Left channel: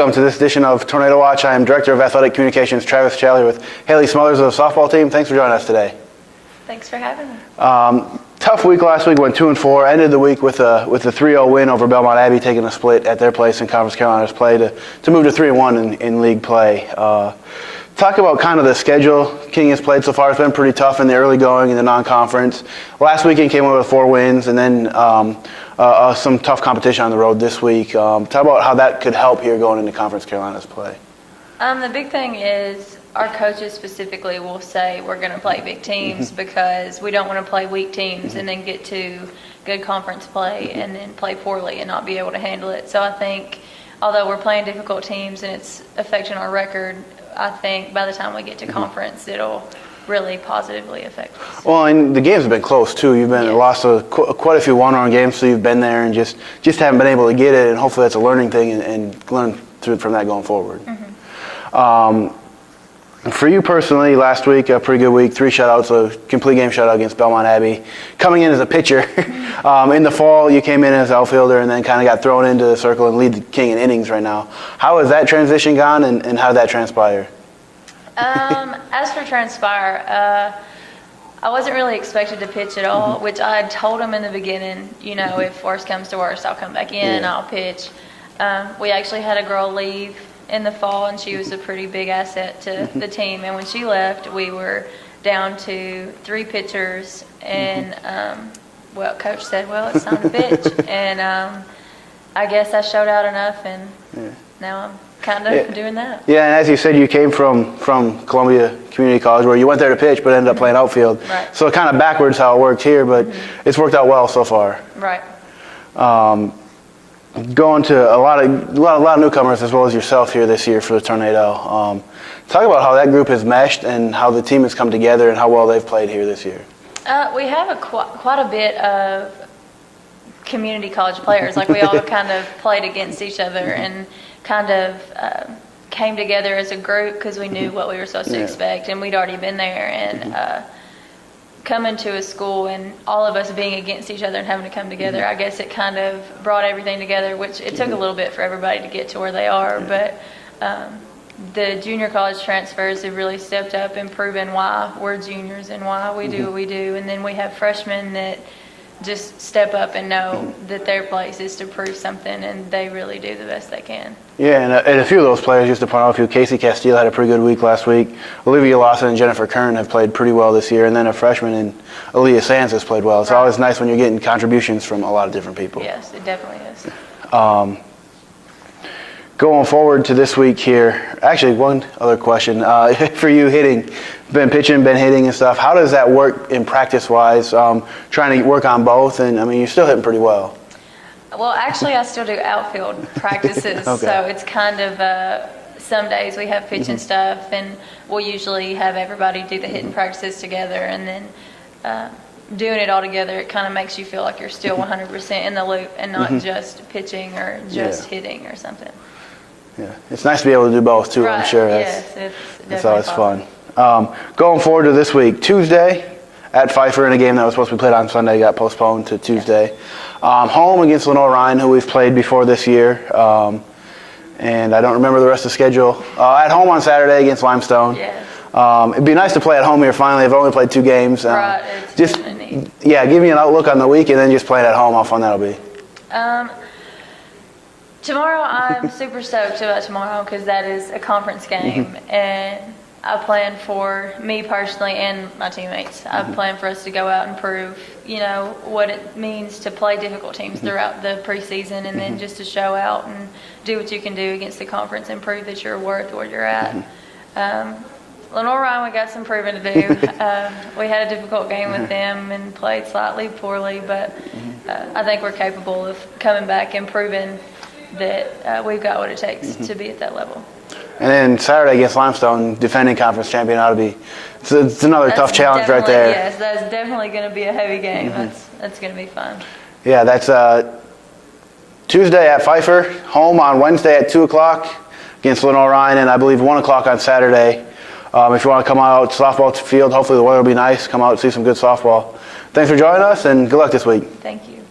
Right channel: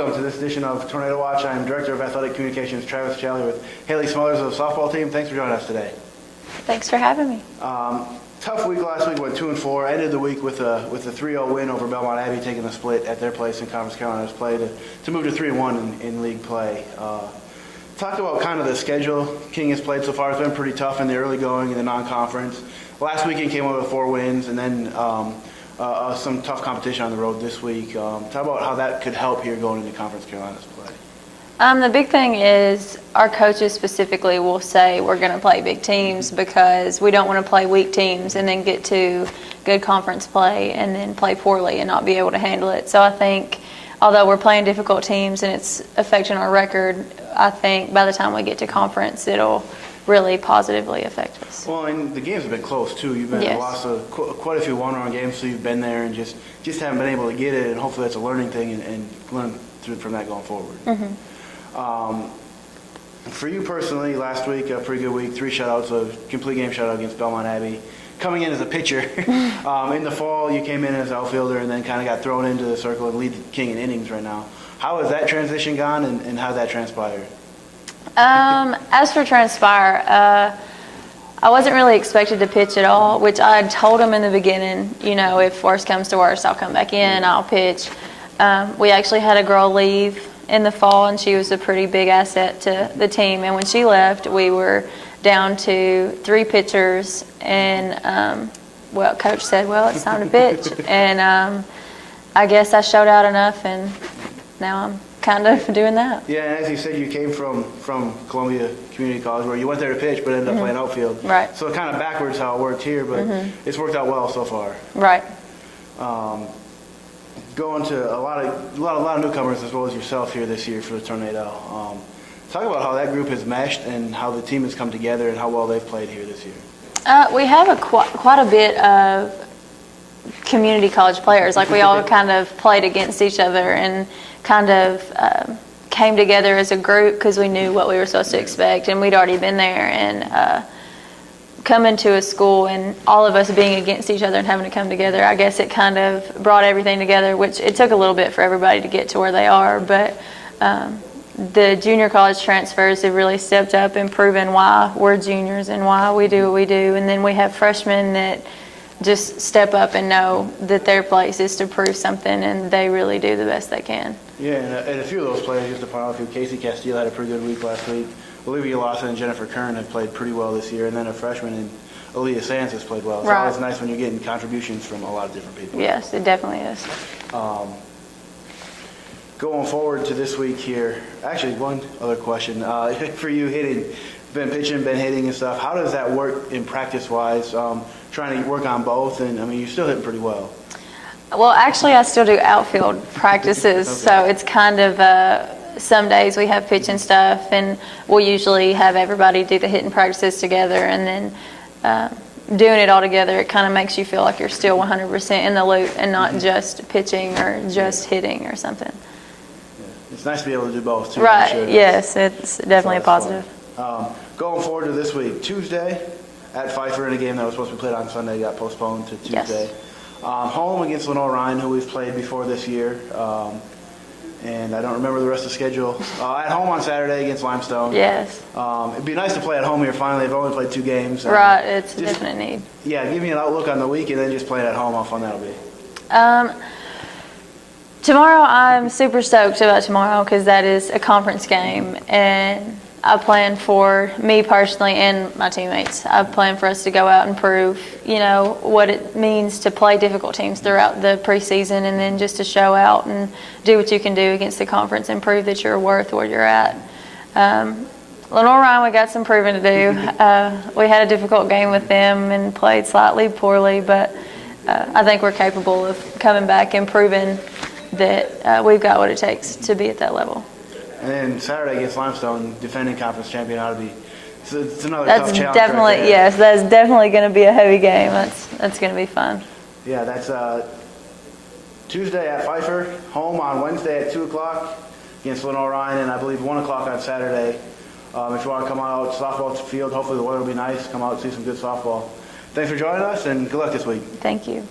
welcome to this edition of Tornado Watch. I am Director of Athletic Communications Travis Challey with Hayley Smothers of the softball team. Thanks for joining us today. Thanks for having me. Tough week last week, went 2-4. Ended the week with a 3-0 win over Belmont Abbey, taking a split at their place in Conference Carolina's play to move to 3-1 in league play. Talk about kind of the schedule King has played so far. It's been pretty tough in the early going in the non-conference. Last weekend came away with 4 wins, and then some tough competition on the road this week. Talk about how that could help here going into Conference Carolina's play. The big thing is our coaches specifically will say we're going to play big teams because we don't want to play weak teams and then get to good conference play and then play poorly and not be able to handle it. So I think although we're playing difficult teams and it's affecting our record, I think by the time we get to conference it'll really positively affect us. Well, and the games have been close too. You've been lost quite a few one-run games, so you've been there and just haven't been able to get it. And hopefully that's a learning thing and learn from that going forward. For you personally, last week a pretty good week. 3 shutouts, a complete game shutout against Belmont Abbey. Coming in as a pitcher, in the fall you came in as outfielder and then kind of got thrown into the circle and lead the King in innings right now. How has that transition gone and how did that transpire? As for transpire, I wasn't really expected to pitch at all, which I had told him in the beginning, you know, if worst comes to worst, I'll come back in, I'll pitch. We actually had a girl leave in the fall, and she was a pretty big asset to the team. And when she left, we were down to 3 pitchers, and, Coach said, well, it's time to pitch. And I guess I showed out enough, and now I'm kind of doing that. Yeah, and as you said, you came from Columbia Community College where you went there to pitch but ended up playing outfield. Right. So kind of backwards how it worked here, but it's worked out well so far. Right. Going to a lot of newcomers as well as yourself here this year for the Tornado. Talk about how that group has meshed and how the team has come together and how well they've played here this year. We have quite a bit of community college players. Like we all kind of played against each other and kind of came together as a group because we knew what we were supposed to expect, and we'd already been there. And coming to a school and all of us being against each other and having to come together, I guess it kind of brought everything together, which it took a little bit for everybody to get to where they are. But the junior college transfers have really stepped up and proven why we're juniors and why we do what we do. And then we have freshmen that just step up and know that their place is to prove something, and they really do the best they can. Yeah, and a few of those players, just to point out a few, Casey Castile had a pretty good week last week. Olivia Lawson and Jennifer Kern have played pretty well this year, and then a freshman in Aaliyah Sands has played well. It's always nice when you're getting contributions from a lot of different people. Yes, it definitely is. Going forward to this week here, actually one other question for you hitting. Been pitching, been hitting and stuff. How does that work in practice-wise, trying to work on both? And, I mean, you're still hitting pretty well. Well, actually, I still do outfield practices, so it's kind of some days we have pitching stuff, and we'll usually have everybody do the hitting practices together, and then doing it all together, it kind of makes you feel like you're still 100% in the loop and not just pitching or just hitting or something. Yeah, it's nice to be able to do both, too, I'm sure. Yes, it's definitely positive. Going forward to this week, Tuesday at Pfeiffer in a game that was supposed to be played on Sunday got postponed to Tuesday. Yes. Home against Lenore Ryan, who we've played before this year. And I don't remember the rest of the schedule. At home on Saturday against Limestone. Yes. It'd be nice to play at home here finally. I've only played 2 games. Right, it's definitely neat. Yeah, give me an outlook on the week and then just playing at home, how fun that'll be. Tomorrow, I'm super stoked about tomorrow because that is a conference game, and I plan for me personally and my teammates. I plan for us to go out and prove, you know, what it means to play difficult teams throughout the preseason, and then just to show out and do what you can do against the conference and prove that you're worth where you're at. Lenore Ryan, we got some proving to do. We had a difficult game with them and played slightly poorly, but I think we're capable of coming back and proving that we've got what it takes to be at that level. And then Saturday against Limestone, defending conference champion, ought to be. It's another tough challenge right there. Yes, that's definitely going to be a heavy game. That's going to be fun. Yeah, that's Tuesday at Pfeiffer, home on Wednesday at 2 o'clock against Lenore Ryan, and I believe 1 o'clock on Saturday. If you want to come out to softball field, hopefully the weather will be nice. Come out and see some good softball. Thanks for joining us, and good luck this week. Thank you.